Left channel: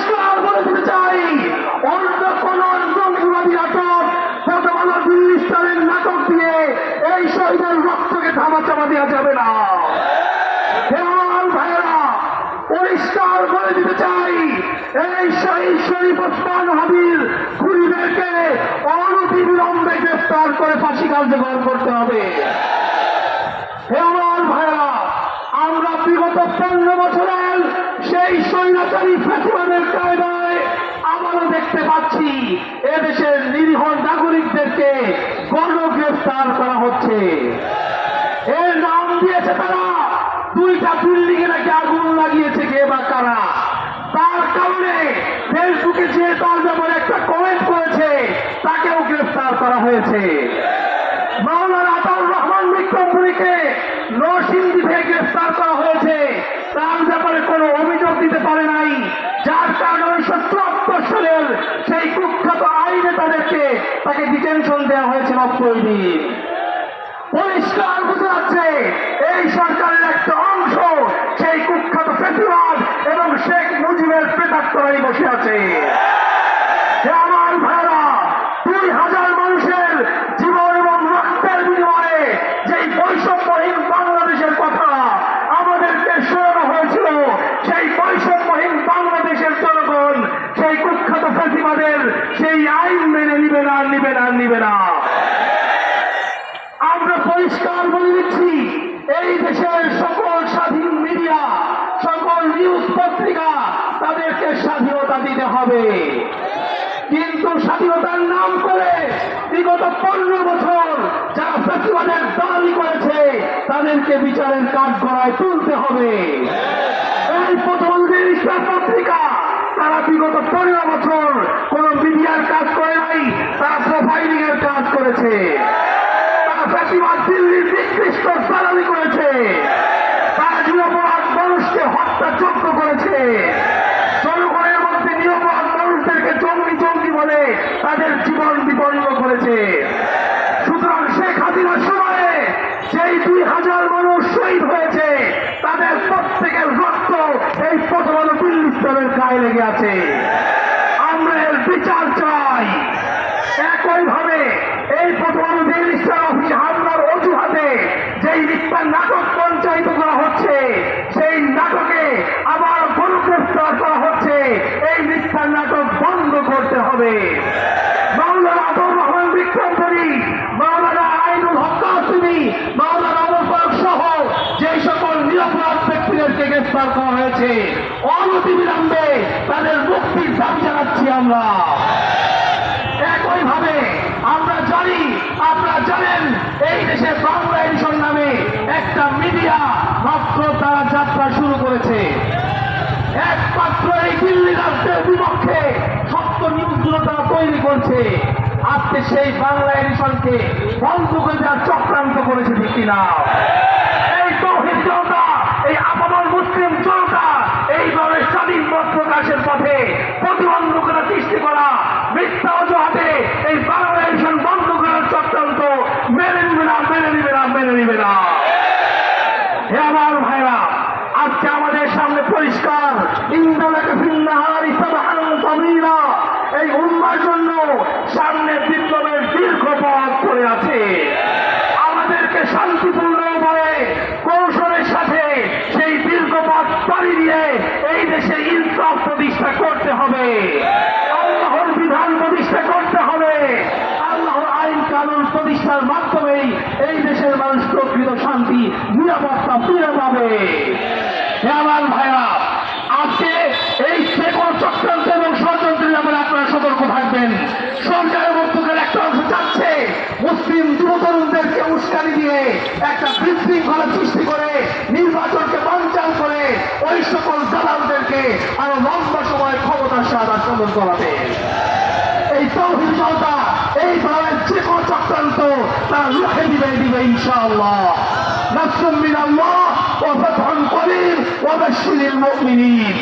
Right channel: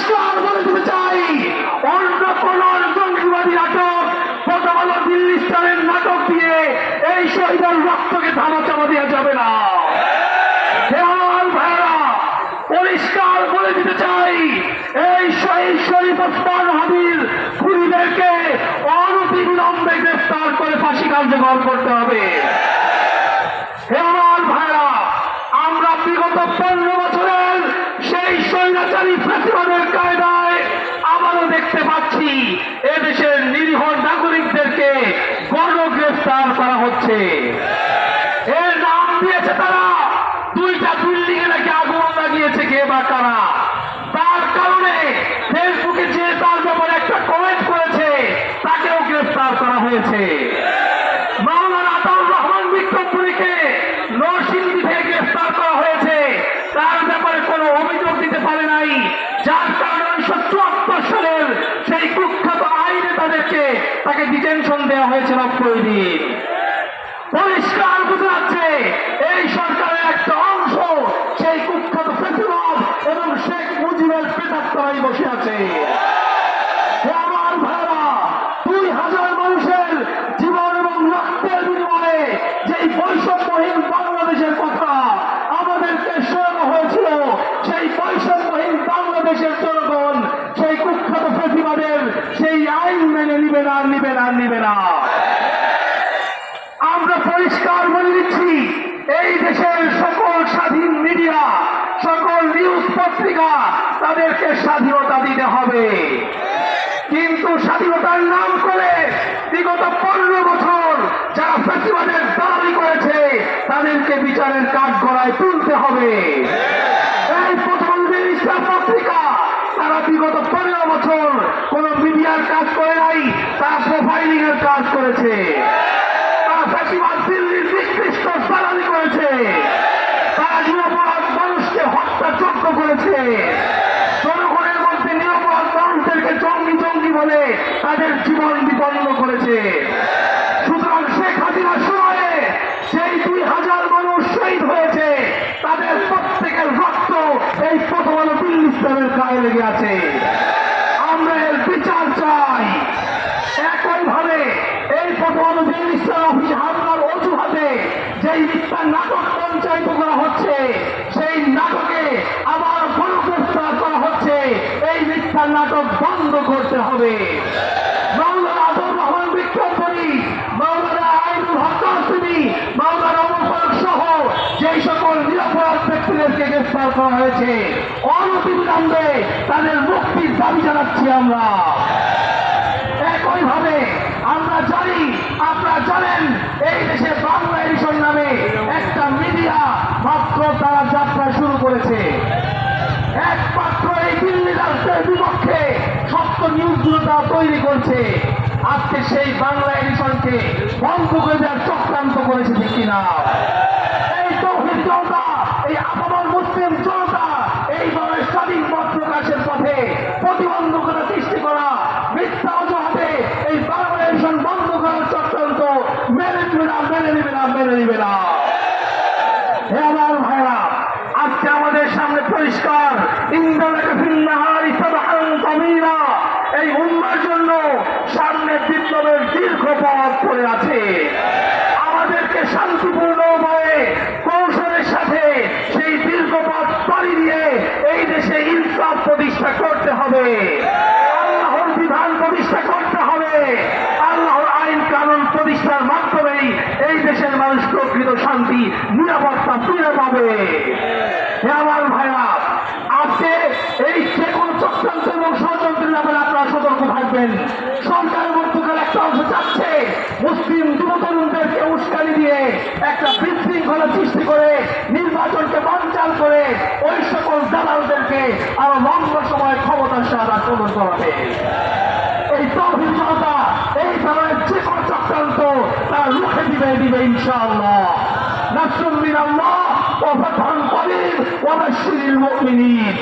পরিষ্কার বলে দিতে চাই, অন্য কোন জঙ্গিবাদী নাটক প্রথম দিল্লি স্টারের নাটক দিয়ে এই শহীদের রক্তকে ধামাচাপা দেওয়া যাবে না। ভাইয়েরা, পরিষ্কার বলে দিতে চাই, এই শহীদ শরীফ ওসমান হাদির খুনিদেরকে অনতিবিলম্বে গ্রেফতার করে ফাঁসি কার্যকর করতে হবে। আমার ভাইয়েরা, আমরা বিগত 15 বছরের সেই স্বৈরাচারী ফ্যাসিবাদের কায়দায় আবারও দেখতে পাচ্ছি এদেশের নিরীহ নাগরিকদেরকে গণগ্রেফতার করা হচ্ছে। এর নাম দিয়েছে তারা, 2টা বিল্ডিং এ নাকি আগুন লাগিয়েছে কে বা কারা। তার কারণে ফেসবুকে যে তার ব্যাপারে একটা কমেন্ট করেছে তাকেও গ্রেফতার করা হয়েছে। মাওলানা আতাউর রহমান বিক্রমপুরীকে নরসিংদী থেকে গ্রেফতার করা হয়েছে, তার ব্যাপারে কোনো অভিযোগ দিতে পারে নাই, যার কারণে 1974 সালের সেই কুখ্যাত আইনে তাকে ডিটেনশন দেওয়া হয়েছে 90 দিন। পরিষ্কার বোঝা যাচ্ছে এই সরকারের একটা অংশ সেই কুখ্যাত ফ্যাসিবাদ এবং শেখ মুজিবের প্রেতাত্মায় বসে আছে। আমার ভাইরা, 2000 মানুষের জীবন এবং রক্তের বিনিময়ে যেই বৈষম্যহীন বাংলাদেশের কথা আমাদেরকে শোনানো হয়েছিল, সেই বৈষম্যহীন বাংলাদেশের জনগণ সেই কুখ্যাত ফ্যাসিবাদের সেই আইন মেনে নিবে না, নিবে না, নিবে না। আমরা পরিষ্কার বলে দিচ্ছি, এই দেশের সকল স্বাধীন মিডিয়া, সকল নিউজ পত্রিকা, তাদেরকে স্বাধীনতা দিতে হবে। কিন্তু স্বাধীনতার নাম করে বিগত 15 বছর যারা ফ্যাসিবাদের দালালি করেছে তাদেরকে বিচারের কাঠগড়ায় তুলতে হবে। এই প্রথম ইসলাম পত্রিকা, তারা বিগত 15 বছর কোন মিডিয়ার কাজ করে নাই, তারা প্রোফাইলিং এর কাজ করেছে। ফ্যাসিবাদ দিল্লির নিকৃষ্ট দালালি করেছে, তারা নিরপরাধ মানুষকে হত্যাযোগ্য করেছে, জনগণের মধ্যে নিরপরাধ মানুষদেরকে জঙ্গি জঙ্গি বলে তাদের জীবন বিপন্ন করেছে। সুতরাং শেখ হাসিনার সময়ে সেই 2000 মানুষ শহীদ হয়েছে, তাদের প্রত্যেকের রক্ত এই প্রথম আলো দিল্লি ইসলামের গায়ে লেগে আছে। আমরা এর বিচার চাই। একইভাবে এই প্রথম আলো দিল্লি ইসলাম অফিসে হামলার অজুহাতে যেই মিথ্যা নাটক পঞ্চায়িত করা হচ্ছে, সেই নাটকে আবার গণগ্রেফতার করা হচ্ছে, এই মিথ্যা নাটক বন্ধ করতে হবে। মাওলানা আতাউর রহমান বিক্রমপুরী, মাওলানা আইনুল হক কাসিমি, মাওলানা ওমর ফারুক সহ যেই সকল নিরপরাধ ব্যক্তিদেরকে গ্রেফতার করা হয়েছে, অনতিবিলম্বে তাদের মুক্তির দাবি জানাচ্ছি আমরা। একইভাবে আমরা জানি, আপনারা জানেন, এই দেশে বাংলা এডিশন নামে একটা মিডিয়া মাত্র তারা যাত্রা শুরু করেছে। একমাত্র এই দিল্লি রাষ্ট্রের বিপক্ষে সত্য নিউজগুলো তারা তৈরি করছে। আজকে সেই বাংলা এডিশনকে বন্ধ করে দেওয়ার চক্রান্ত করেছে ঠিক কিনা? এই তৌহিদ জনতা, এই আপামর মুসলিম জনতা এইভাবে স্বাধীন মত প্রকাশের পথে প্রতিবন্ধকতা সৃষ্টি করা, মিথ্যা অজুহাতে এই বাংলা এডিশন বন্ধ করার চক্রান্ত মেনে নিবে না, মেনে নিবে না, মেনে নিবে না। হে আমার ভাইরা, আজকে আমাদের সামনে পরিষ্কার, ইন্দ্রাকে ফিন্নাহারি সাবহান তামিরা, এই উম্মার জন্য সামনে বিপ্লবের দীর্ঘ পথ পড়ে আছে। আমাদেরকে শান্তিপূর্ণ উপায়ে কৌশলের সাথে সেই দীর্ঘ পথ পাড়ি দিয়ে এই দেশে ইনসাফ প্রতিষ্ঠা করতে হবে, আল্লাহর বিধান প্রতিষ্ঠা করতে হবে। আল্লাহর আইন কানুন প্রতিষ্ঠার মাধ্যমেই এই দেশের মানুষ প্রকৃত শান্তি নিরাপত্তা ফিরে পাবে। আমার ভাইরা, আজকে এই যে কোনো চক্রান্ত এবং ষড়যন্ত্রের ব্যাপারে আপনারা সতর্ক থাকবেন। সরকারের মধ্যকার একটা অংশ চাচ্ছে মুসলিম যুব তরুণদেরকে উস্কানি দিয়ে একটা বিশৃঙ্খলা সৃষ্টি করে নির্বাচনকে বানচাল করে ওই সকল দালালদেরকে আরো লম্বা সময় ক্ষমতার সাথে আক্রমণ করাতে। এই তৌহিদ জনতা এই ধরনের যে কোনো চক্রান্ত তারা রুখে দিবে ইনশাআল্লাহ। নাসরুম মিনাল্লাহ ওয়া ফাতহুন করিব ওয়া বাশশিরিল মুমিনিন।